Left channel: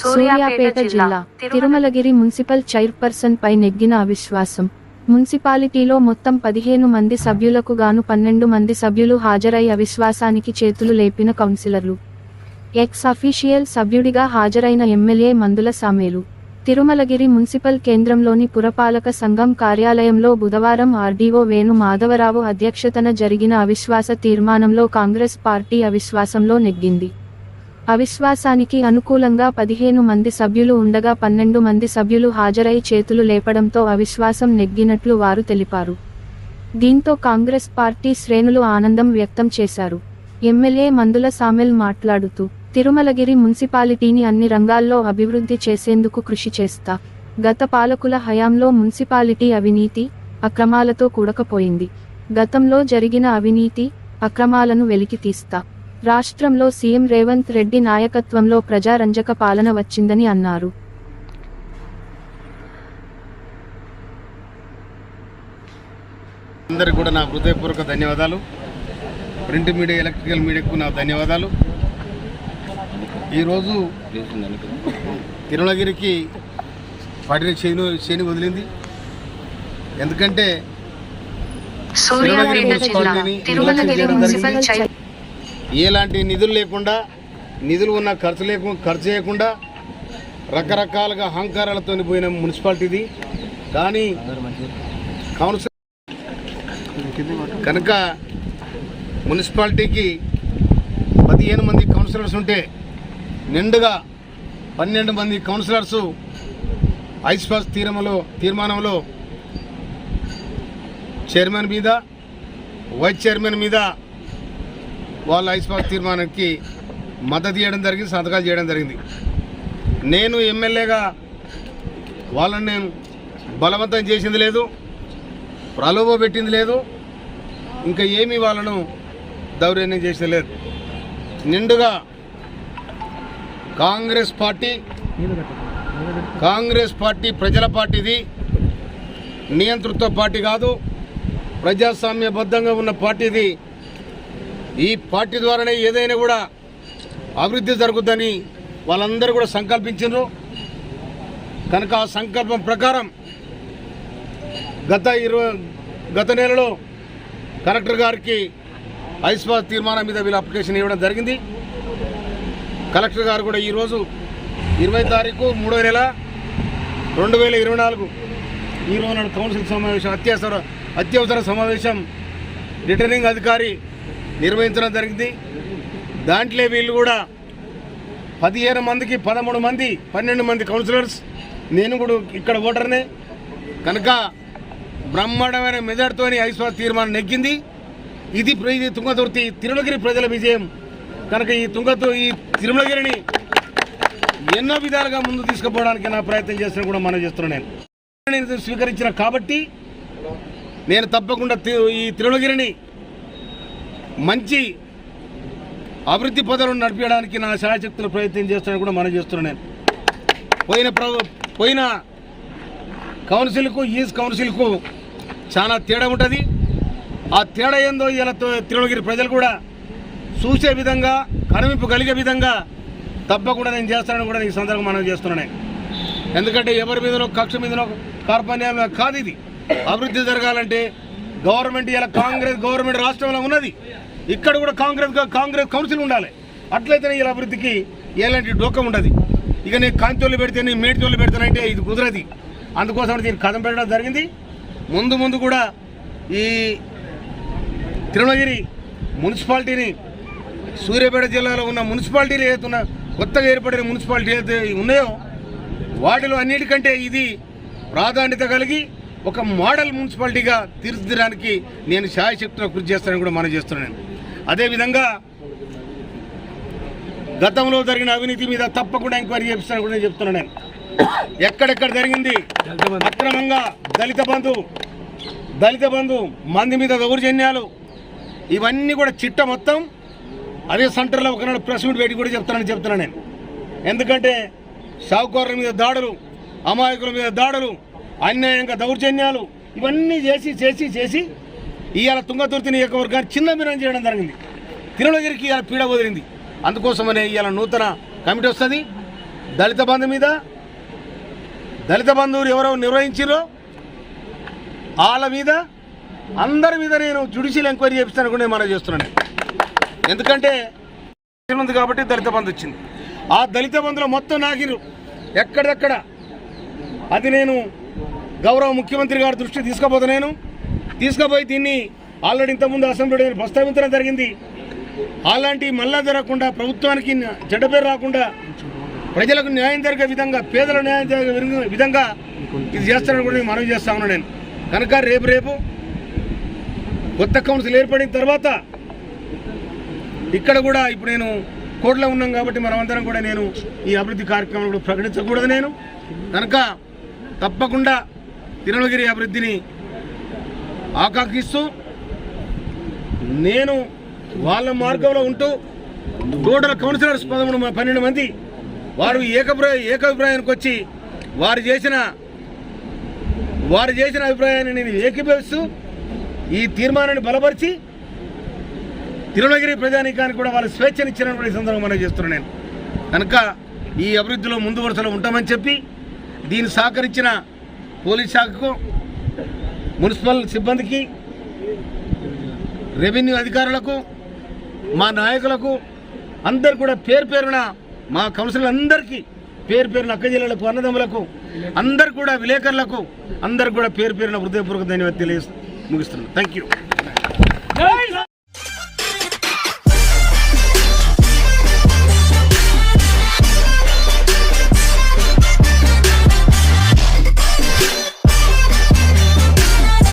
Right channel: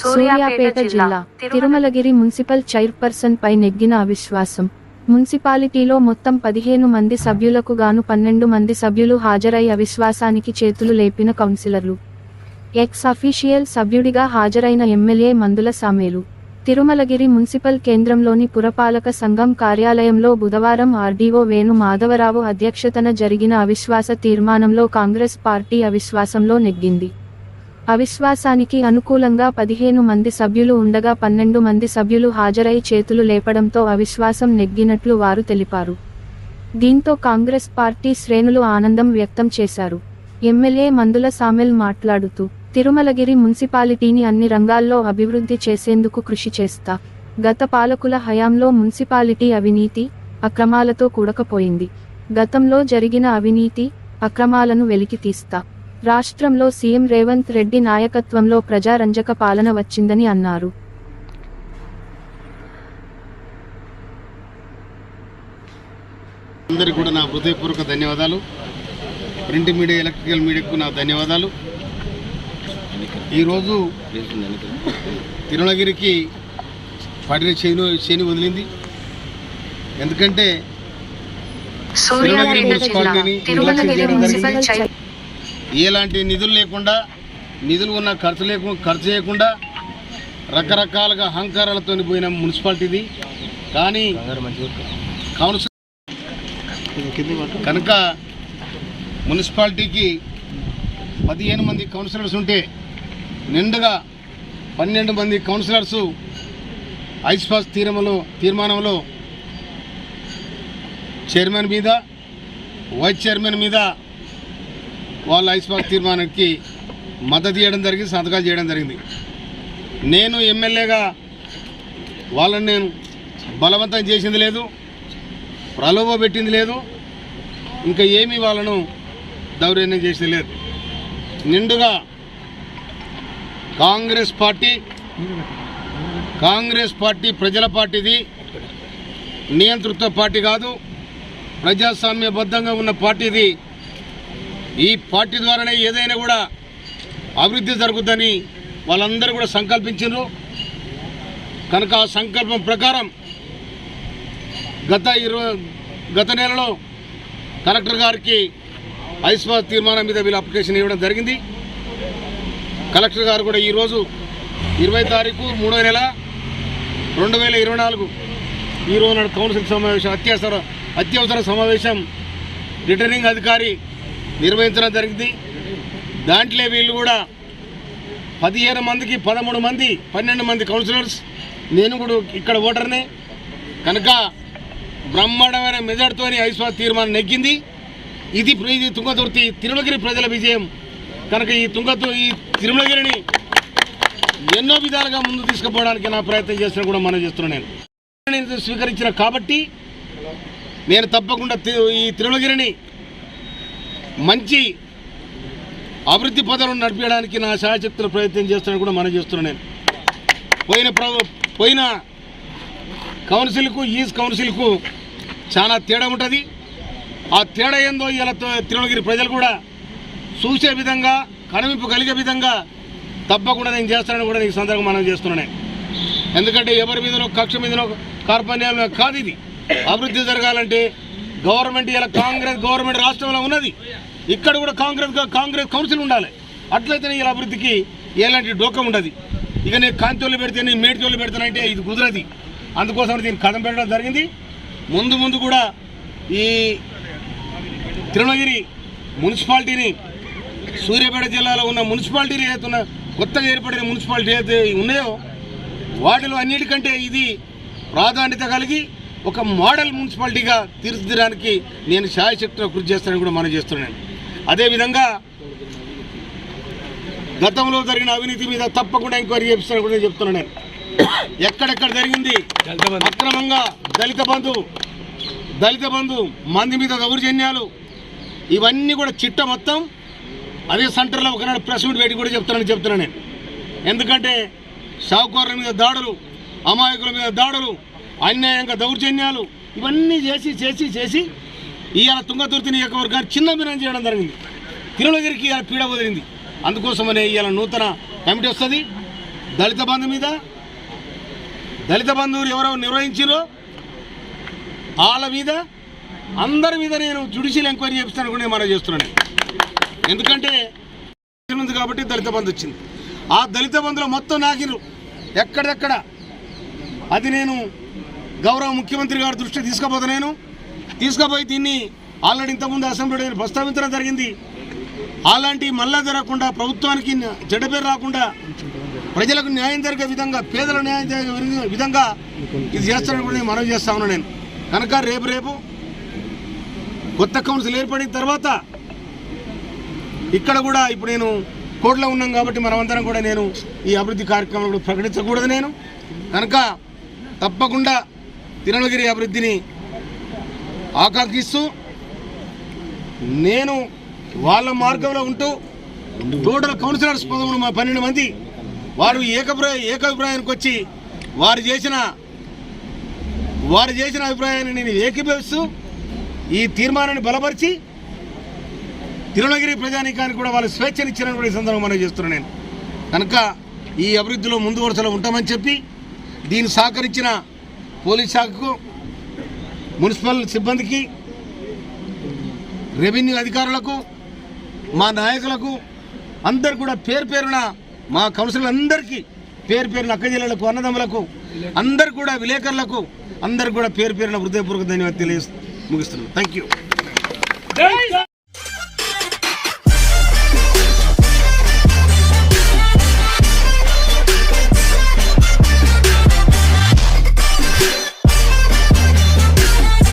సూర్యాపేట జిల్లా Tirumalagiri municipal chairperson పై నెగ్గిన అవిశ్వాసం. మున్సిపాలిటీలో మొత్తం 15 మంది సభ్యులకు గాను 12 మంది సభ్యులు హాజరై అవిశ్వాసానికి చేతులు లేపిన కౌన్సిలర్లు. ఎక్స్ అఫీషియల్ సభ్యుడిగా హాజరైన ఎమ్మెల్యే మందుల సామేలు. తిరుమలగిరి మున్సిపల్ కేంద్రంలోని పురపాలక సంఘం కార్యాలయంలో బుధవారం ఆర్డీఓ వేణు మాధవరావు అధ్యక్షతన జరిగిన అవిశ్వాస తీర్మానంలో కాంగ్రెస్ పార్టీ అవిశ్వాసంలో నెగ్గింది. అవిశ్వాసానికి అనుకూలంగా 15 మంది సభ్యులు ఉండగా 12 మంది సభ్యులు హాజరై చేతులు లేపడంతో అవిశ్వాసం నెగ్గినట్లు వారు తెలిపారు. దీంతో కాంగ్రెస్ పార్టీ శ్రేణులు ఆనందం వ్యక్తం చేశారు. ఎమ్మెల్యే మందుల సామెల్ మాట్లాడుతూ, తిరుమలగిరి మున్సిపాలిటీని అన్ని రంగాల్లో అభివృద్ధి చేసేందుకు కృషి చేస్తా. గత పాలకుల హయాంలో మున్సిపాలిటీ అవినీతి, అక్రమాలతో కూడకపోయింది. గతంలో జరిగిన అవినీతి, అక్రమాలను వెలికితీస్తా. రాష్ట్రంలో సీఎం రేవంత్ రెడ్డి నాయకత్వంలో ప్రజారంజక పాలన వచ్చిందని అన్నారు. అందరికీ కూడా నా హృదయపూర్వక ధన్యవాదాలు. ప్రింట్ మీడియా, ఎలక్ట్రికల్ మీడియాకు నా ధన్యవాదాలు. ఈరోజు తిరుమలగిరికి పడిన చేని వదిలింది. ఎందుకంటే ఎలాంటి నిధులు లేకుండా, నిధులు ఉన్న ఖర్చు చేయకుండా రకరకాలుగా అహంకారాలతో పోయిన మున్సిపాలిటీది. కానీ కౌన్సిల్ కనుక మున్సిపాలిటీకి 15 మంది కౌన్సిలర్స్ ఉంటే నిండుగా 12 మంది కౌన్సిలర్స్ ఐస్పాస్ తీర్మానంలో చైర్మన్ మీద, వైస్ చైర్మన్ మీద వాళ్ళ ఐస్పాస్ తీర్మానానికి మద్దతు ఇవ్వడం జరిగింది, సంతకాలు చేయడం జరిగింది. నేను ఎమ్మెల్యేగా వాళ్ళని నేను బలవంతం చేసింది లేదు, ప్రలోభ పెట్టింది లేదు, ఇంకా ఏమీ వాళ్ళను దౌర్జన్యం చేసేది లేదు. నిండుగా కాంగ్రెస్ పార్టీ ప్రజల పార్టీది, నియంతృత్వ పార్టీ కాదు, ప్రజాస్వామ్యబద్ధంగా ఉన్న పార్టీది. ఈ పార్టీ ద్వారానే ఏదైనా కూడా అభివృద్ధి జరుగుతుందని వాళ్ళందరూ కూడా సంకల్పించారు. కనుక ఆ సంకల్పం ప్రకారం గత నెలలో కలెక్టర్ గారికి ఐస్పాస్ తీర్మానం మీద వీళ్ళు అప్లికేషన్ ఇవ్వడం జరిగింది. కలెక్టర్ గారు కూడా ఈరోజు 20 తారీఖు 3వ నెల 2024 ఈరోజు నాడు కౌన్సిల్ సమావేశం, అత్యవసర సమావేశం రిటర్నింగ్ అధికారి నిర్వహించడం జరిగింది. దాంట్లో వీళ్ళు కూడా 15 మందికి 13 మంది 12 మంది కౌన్సిలర్స్, నేను కూడా ఇక్కడ ఓటర్నే. కనుక బ్రహ్మాండమైన మెజార్టీతో ఐస్పాస్ తీర్మానం నెగ్గింది. ఇది తుంగతుర్తి తిరుమలగిరి ప్రజల విజయం. కనుక ఈ తిరుమలగిరిని ఎన్నో విధాలుగా ముందు తీసుకుపోవడానికి నా ప్రయత్నం చేస్తున్నా కూడా మనం చేస్తున్నాను. నేను స్వీకరించిన కాబట్టి నేను తప్పకుండా ఈ తిరుమలగిరిని మంచి అభివృద్ధి పదాలను నడిపించడానికి నా శాయశక్తులు ప్రయత్నం చేస్తానని కూడా మనం చేస్తున్నాను. పోయిన కౌన్సిల్కు ఈ కౌన్సిల్కు చాలా తేడా ఉంటుంది. ఆ తేడా ఏందో ఇలా తిరుమలగిరి ప్రజలు కూడా చూసే విధంగా, కనువింపు కలిగే విధంగా తప్పకుండా నేను చేస్తానని కూడా ఈ సందర్భంగా మనం చేస్తున్నాను. ఎందుకంటే ఎవరి మీదనో కక్ష మీదనో కార్పణ్యాలు కాదు. ఇది అభివృద్ధి జరగాలంటే గవర్నమెంట్, ఇలా కాంగ్రెస్ గవర్నమెంట్ రాష్ట్రంలో ఉన్నది, ఇక్కడ కూడా కాంగ్రెస్ కౌన్సిల్ ఉండాలి. అట్లయితేనే ఇలా అభివృద్ధికి ఎలాంటి డోకం ఉండదు. ఇక నేను కాంతోళ్ళు పెడితే, నేను మేడితోళ్ళు పెడతానంటే ఇది కుదరది. అందుకోసం దీన్ని కథం పెట్టడం జరిగింది. ముందు కూడా ఈ తిరుమలగిరి మున్సిపాలిటీని, సూర్యాపేట జిల్లాలో ఉన్న మున్సిపాలిటీలు ఏదైతున్న కొత్తగా ఏర్పడిన మున్సిపాలిటీ ఏదైతే ఉన్నాయో వాటిలో అన్నిటికంటే ఇది ప్రాధాన్యత కలిగి ఒక మోడల్ మున్సిపాలిటీగా తీర్చిదిద్దడానికి నేను శాయశక్తిలో కృషి చేస్తానని కూడా మనం చేస్తున్నాను. అదేవిధంగా గతంలో జరిగిన అవినీతి మీద తప్పకుండా ఎంక్వైరీ చేపిస్తానని కూడా నేను చెప్తున్నాను. ఎక్కడెక్కడ జరిగింది అక్రమంగా దళిత బంధు మంది మీద దౌర్జన్యాలు, ఇవన్నీ కూడా చిట్ట మొత్తం అదే సెంటర్లో ఒకనాడు ప్రెస్ మీట్ పెట్టి కూడా చెప్తున్నాను నేను. ఎందుకంటే షావుకారుల మీద దాడులు, అమాయకుల మీద దాడులు, అన్యాయంగా దౌర్జన్యాలు, ఇవన్నీ చేసి ఇవాళ తుంగతుర్తి నియోజకవర్గాన్ని చిన్నభిన్నం చేయడం జరిగింది. తిరుమలగిరికి ఇవాళ పీడ వదిలింది. అందుకోసమనే ఇవాళ నూతన కమిటీ వస్తుంది. దళిత బంధువులు ఎవరో నిర్వహించారో వాళ్ళ మీద అందరి మీద నేను జ్యుడిషియల్ ఎంక్వైరీ చేపిస్తాను కూడా నేను మనం చేస్తున్నాను. ఎందుకంటే ఉంది కాబట్టి దళిత బంధు వచ్చింది. ఆ దళిత బంధులో మొత్తం నాకిరు ఎక్కడెక్కడ అది నేను గౌరవ ముఖ్యమంత్రి గారి దృష్టి తీసుకుపోయి దీన్ని ఆల్రెడీ ఇంతకుముందు అసెంబ్లీలో నేను ప్రస్తావించడం జరిగింది. అలాంటి మళ్ళా జరగకుండా, ప్రభుత్వానికి చెడ్డ పేరు రాకుండా, ప్రజలకు న్యాయం జరిగే విధంగా, పేదల న్యాయం జరిగే విధంగా ఇది చేస్తానని కూడా నేను మనవి చేస్తా ఉన్నాను. నేను కనుక రేపు కొత్త కౌన్సిల్ ఏర్పడిన తర్వాత ఇక్కడ కూడా ఇప్పుడు నేను కోర్టులో ఉన్నాం కాబట్టి మనమందరం కూడా నేను ఈ అభివృద్ధి కార్యక్రమాలు ప్రకటించకూడదు. నేను కనుక తప్పకుండా తిరుమలగిరి అభివృద్ధిని ఆకాంక్షిస్తూ నేను వాళ్ళ మార్గంలో ఉంటూ టోటల్ కౌన్సిలర్స్ 12 మంది వారు ఏకాభిప్రాయానికి వచ్చి వారు చేసిన అభిప్రాయాన్ని నేను ఏకీభవిస్తూ ఈ తీర్మానాన్ని బలపరిచి తిరుమలగిరి ప్రజానీకానికి కూడా వాళ్ళు స్వేచ్ఛనిచ్చారని కూడా ఈ సందర్భంగా మనం చేస్తున్నాను. నేను కనుక ఈ అభివృద్ధిలో ముందు వరుసలో ఉంటామని చెప్పి దీన్ని సహకరించిన పోలీస్ శాఖకు, మున్సిపల్ సిబ్బందికి, రెవెన్యూ అధికారులకు, మా నాయకులకు అందరు కూడా పేరున మా కౌన్సిలర్ అందరికీ పేరున అక్క జిల్లాలకు, అన్నదమ్ములకు అందరు కూడా విలేకరులకు అందరు కూడా పేరున హృదయపూర్వక ధన్యవాదాలు తెలియజేస్తూ ముగిస్తున్నాను. Thank you.